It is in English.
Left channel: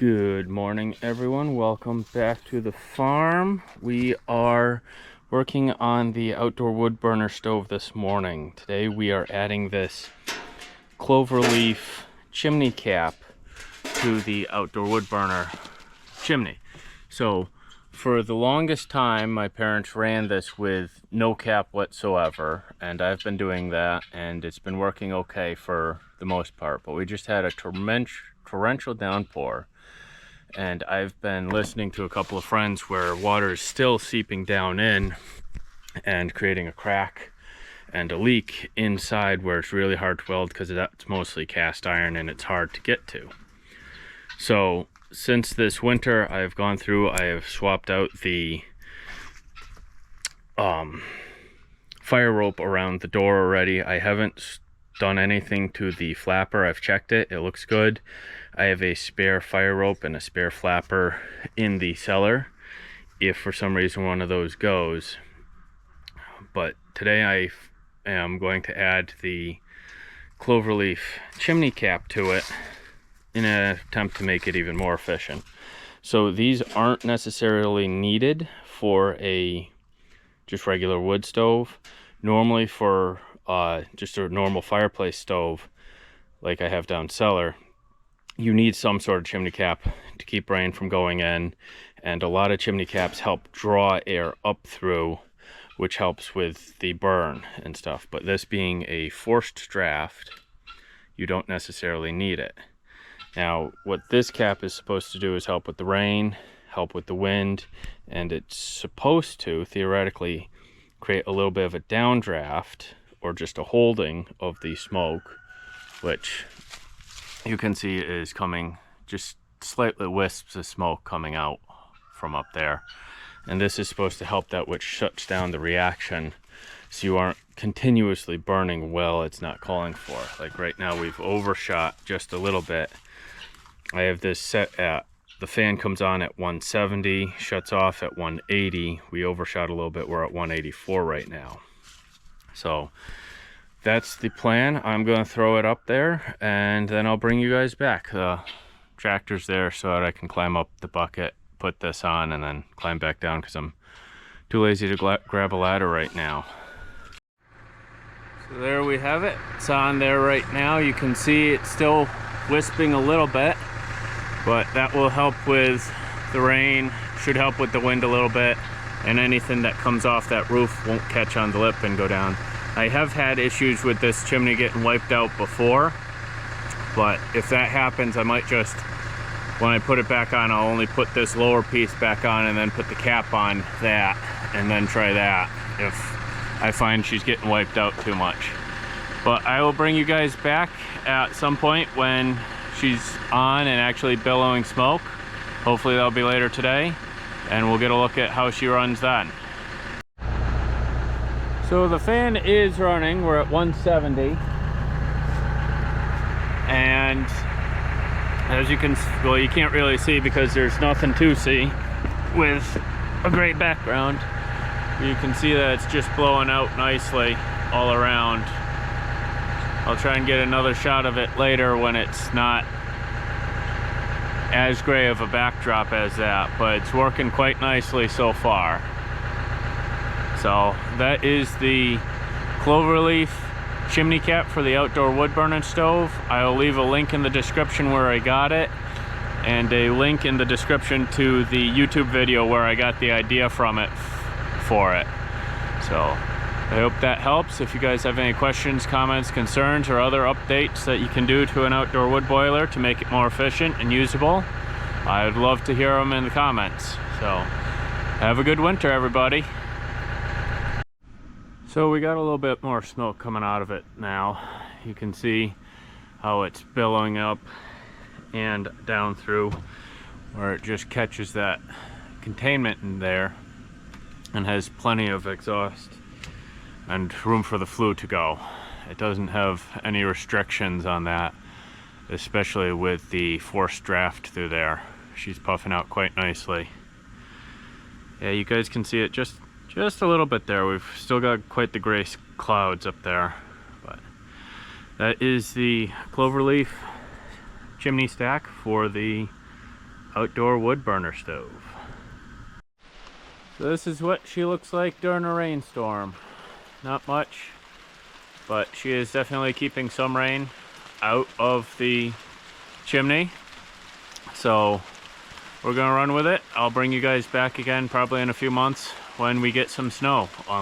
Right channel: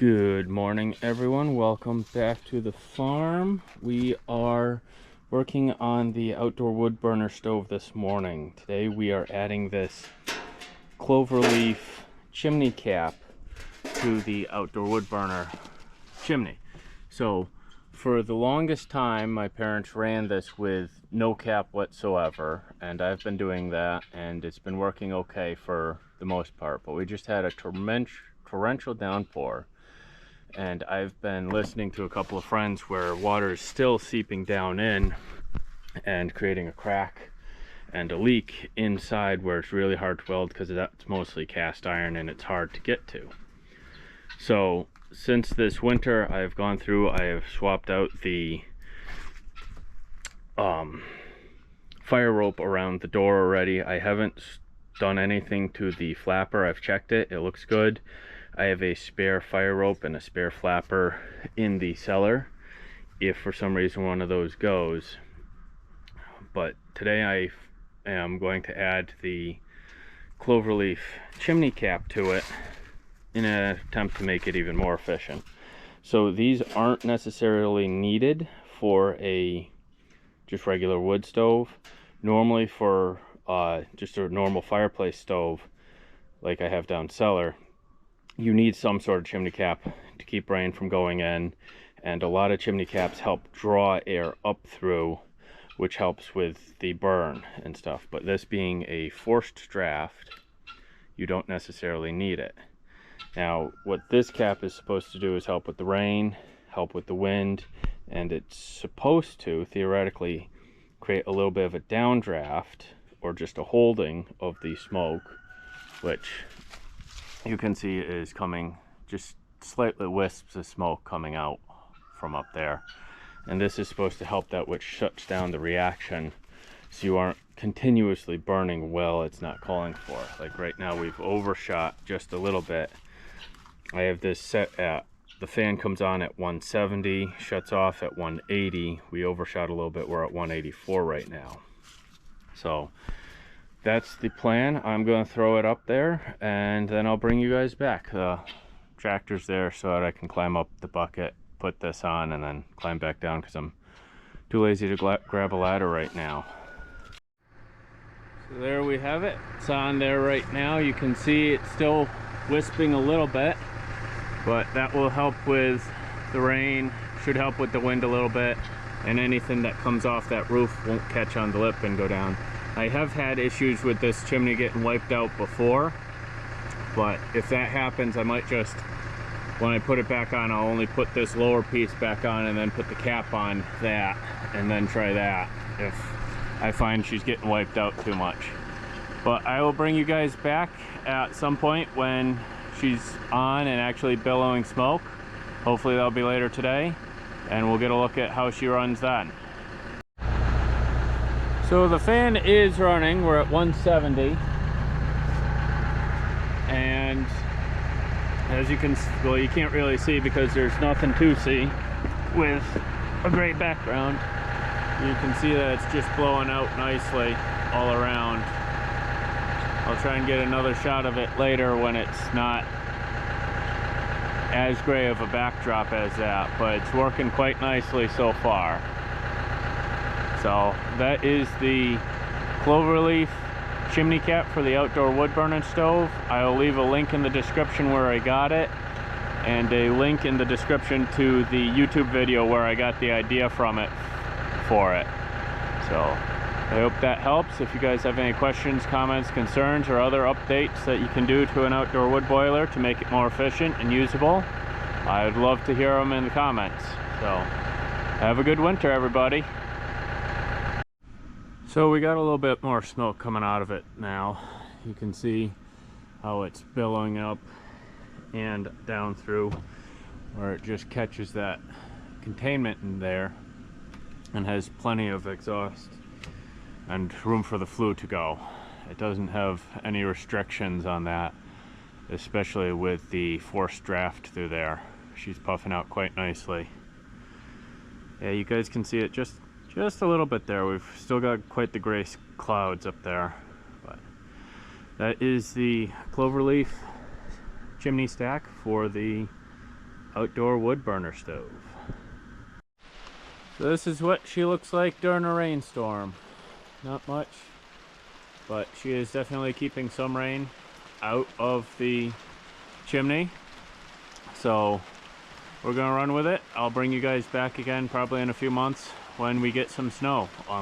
Good morning, everyone. Welcome back to the farm. We are working on the outdoor wood burner stove this morning. Today we are adding this cloverleaf chimney cap to the outdoor wood burner chimney. So for the longest time my parents ran this with no cap whatsoever, and I've been doing that and it's been working okay for the most part, but we just had a torrential downpour, and I've been listening to a couple of friends where water is still seeping down in and creating a crack and a leak inside where it's really hard to weld because that's mostly cast iron and it's hard to get to. So since this winter I've gone through, I have swapped out the fire rope around the door already. I haven't done anything to the flapper. I've checked it, it looks good. I have a spare fire rope and a spare flapper in the cellar if for some reason one of those goes. But today I am going to add the cloverleaf chimney cap to it in an attempt to make it even more efficient. So these aren't necessarily needed for a just regular wood stove. Normally for just a normal fireplace stove like I have down cellar, you need some sort of chimney cap to keep rain from going in, and a lot of chimney caps help draw air up through, which helps with the burn and stuff. But this being a forced draft, you don't necessarily need it. Now what this cap is supposed to do is help with the rain, help with the wind, and it's supposed to theoretically create a little bit of a downdraft or just a holding of the smoke, which you can see is coming, just slightly wisps of smoke coming out from up there. And this is supposed to help that, which shuts down the reaction so you aren't continuously burning well it's not calling for. Like right now we've overshot just a little bit. I have this set at, the fan comes on at 170, shuts off at 180. We overshot a little bit, we're at 184 right now. So that's the plan. I'm going to throw it up there and then I'll bring you guys back. The tractor's there so that I can climb up the bucket, put this on, and then climb back down because I'm too lazy to grab a ladder right now. So there we have it. It's on there right now. You can see it's still wisping a little bit, but that will help with the rain, should help with the wind a little bit, and anything that comes off that roof won't catch on the lip and go down. I have had issues with this chimney getting wiped out before, but if that happens, I might just, when I put it back on, I'll only put this lower piece back on and then put the cap on that, and then try that if I find she's getting wiped out too much. But I will bring you guys back at some point when she's on and actually billowing smoke. Hopefully that'll be later today, and we'll get a look at how she runs then. So the fan is running, we're at 170, and as you can, well, you can't really see because there's nothing to see with a great background. You can see that it's just blowing out nicely all around. I'll try and get another shot of it later when it's not as gray of a backdrop as that, but it's working quite nicely so far. So that is the cloverleaf chimney cap for the outdoor wood burning stove. I'll leave a link in the description where I got it, and a link in the description to the YouTube video where I got the idea from it for it. So I hope that helps. If you guys have any questions, comments, concerns, or other updates that you can do to an outdoor wood boiler to make it more efficient and usable, I would love to hear them in the comments. So have a good winter, everybody. So we got a little bit more smoke coming out of it now. You can see how it's billowing up and down through where it just catches that containment in there and has plenty of exhaust and room for the flue to go. It doesn't have any restrictions on that, especially with the forced draft through there. She's puffing out quite nicely. Yeah, you guys can see it just a little bit there. We've still got quite the gray clouds up there, but that is the cloverleaf chimney stack for the outdoor wood burner stove. So this is what she looks like during a rainstorm. Not much, but she is definitely keeping some rain out of the chimney. So we're gonna run with it. I'll bring you guys back again probably in a few months when we get some snow on